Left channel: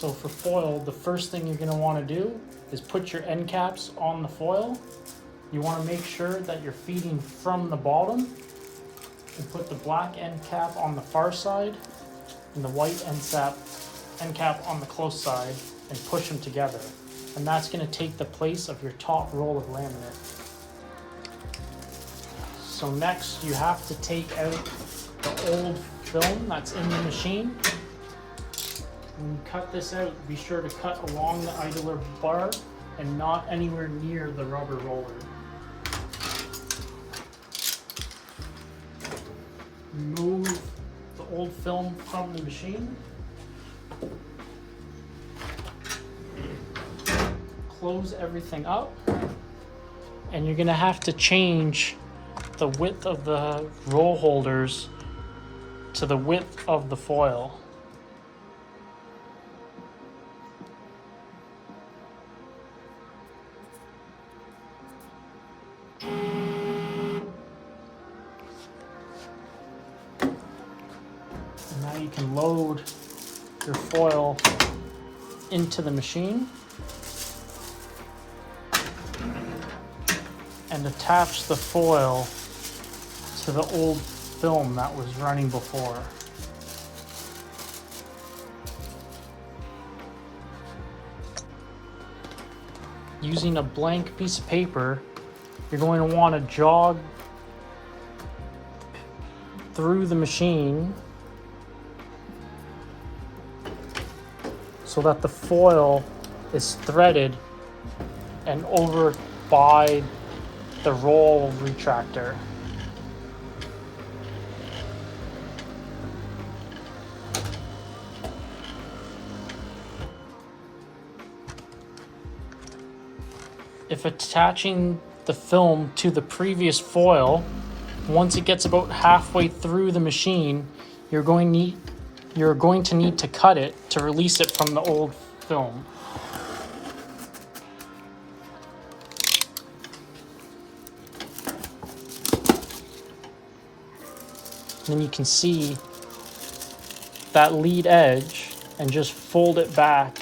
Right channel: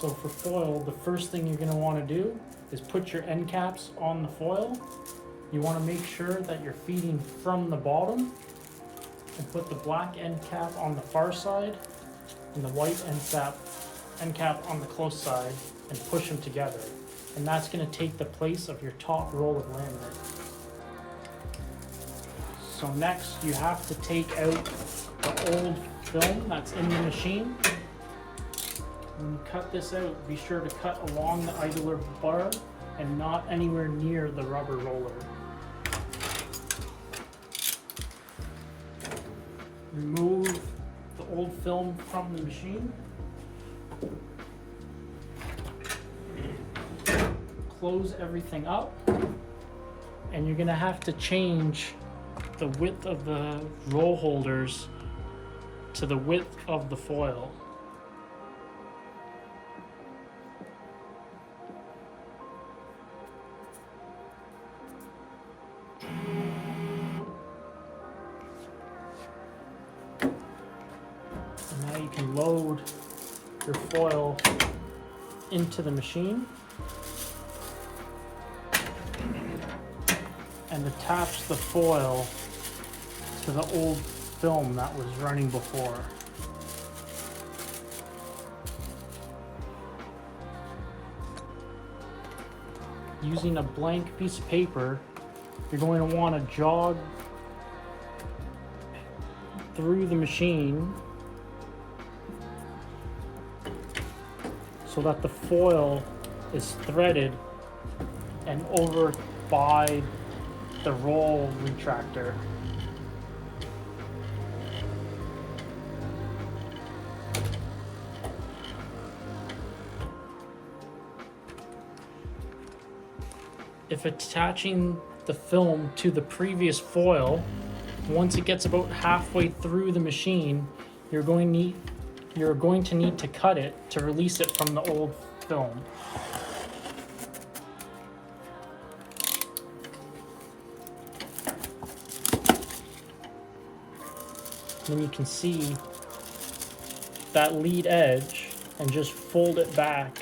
So for foil, the first thing you're going to want to do is put your end caps on the foil. You want to make sure that you're feeding from the bottom, and put the black end cap on the far side and the white end cap on the close side, and push them together. And that's going to take the place of your top roll of laminate. So next you have to take out the old film that's in the machine. When you cut this out, be sure to cut along the idler bar and not anywhere near the rubber roller. Remove the old film from the machine. Close everything up, and you're going to have to change the width of the roll holders to the width of the foil. And now you can load your foil into the machine and attach the foil to the old film that was running before. Using a blank piece of paper, you're going to want to jog through the machine so that the foil is threaded and over by the roll retractor. If attaching the film to the previous foil, once it gets about halfway through the machine, you're going to need to cut it to release it from the old film. Then you can see that lead edge and just fold it back.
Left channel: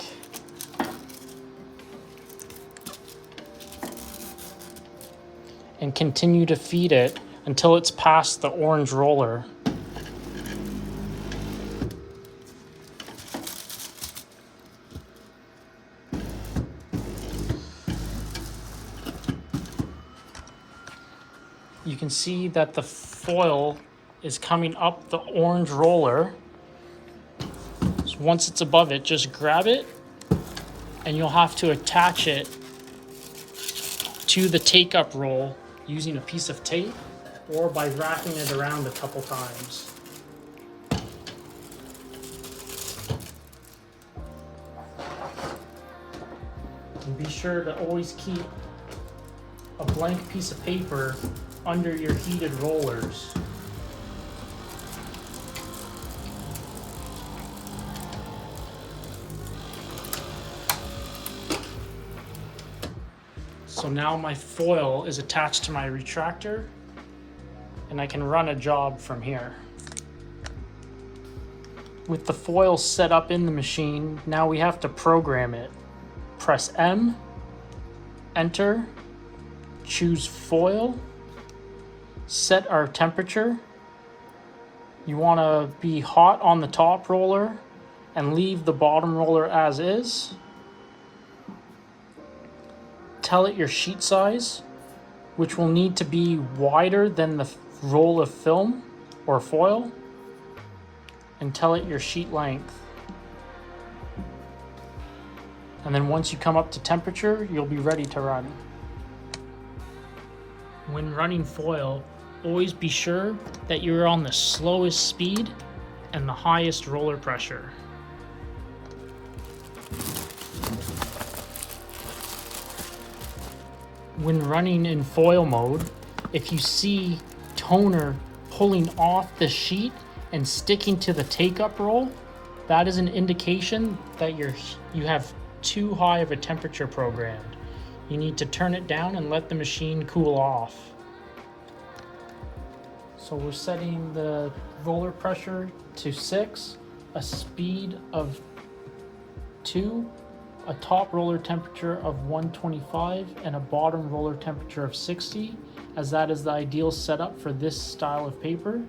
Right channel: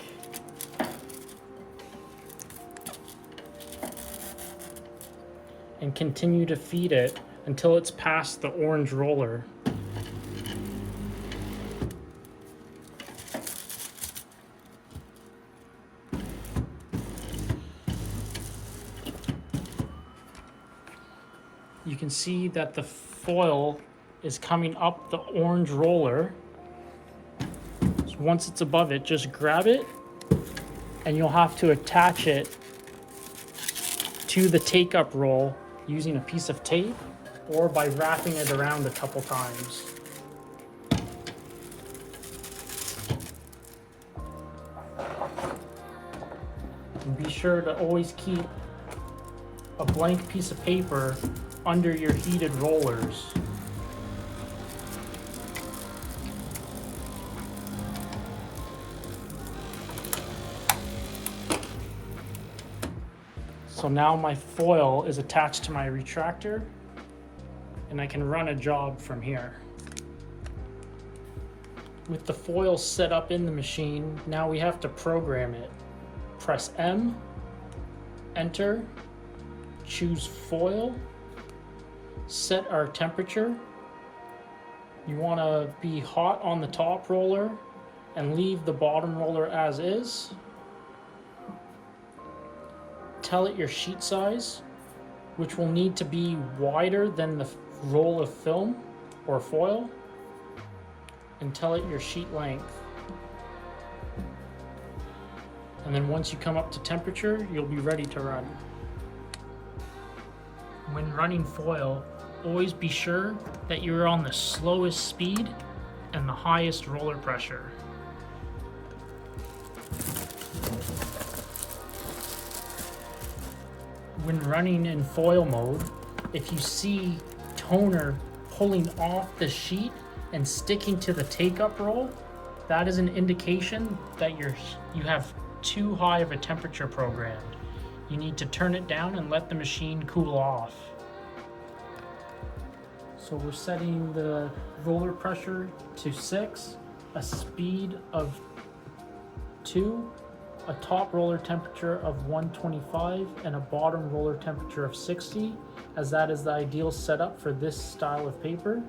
And continue to feed it until it's past the orange roller. You can see that the foil is coming up the orange roller. So once it's above it, just grab it, and you'll have to attach it to the take-up roll using a piece of tape or by wrapping it around a couple times. And be sure to always keep a blank piece of paper under your heated rollers. So now my foil is attached to my retractor, and I can run a job from here. With the foil set up in the machine, now we have to program it. Press M, enter, choose foil, set our temperature. You want to be hot on the top roller and leave the bottom roller as is. Tell it your sheet size, which will need to be wider than the roll of film or foil, and tell it your sheet length. And then once you come up to temperature, you'll be ready to run. When running foil, always be sure that you're on the slowest speed and the highest roller pressure. When running in foil mode, if you see toner pulling off the sheet and sticking to the take-up roll, that is an indication that you have too high of a temperature programmed. You need to turn it down and let the machine cool off. So we're setting the roller pressure to 6, a speed of 2, a top roller temperature of 125 and a bottom roller temperature of 60, as that is the ideal setup for this style of paper.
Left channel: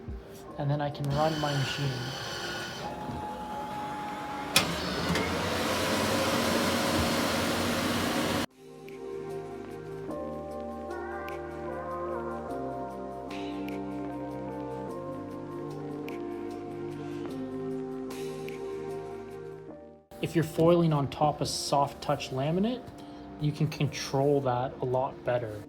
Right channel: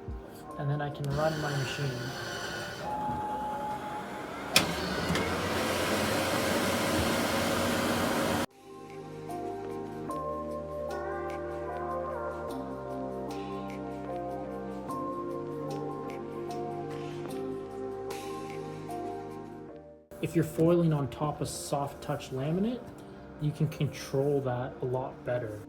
And then I can run my machine. If you're foiling on top of soft touch laminate, you can control that a lot better.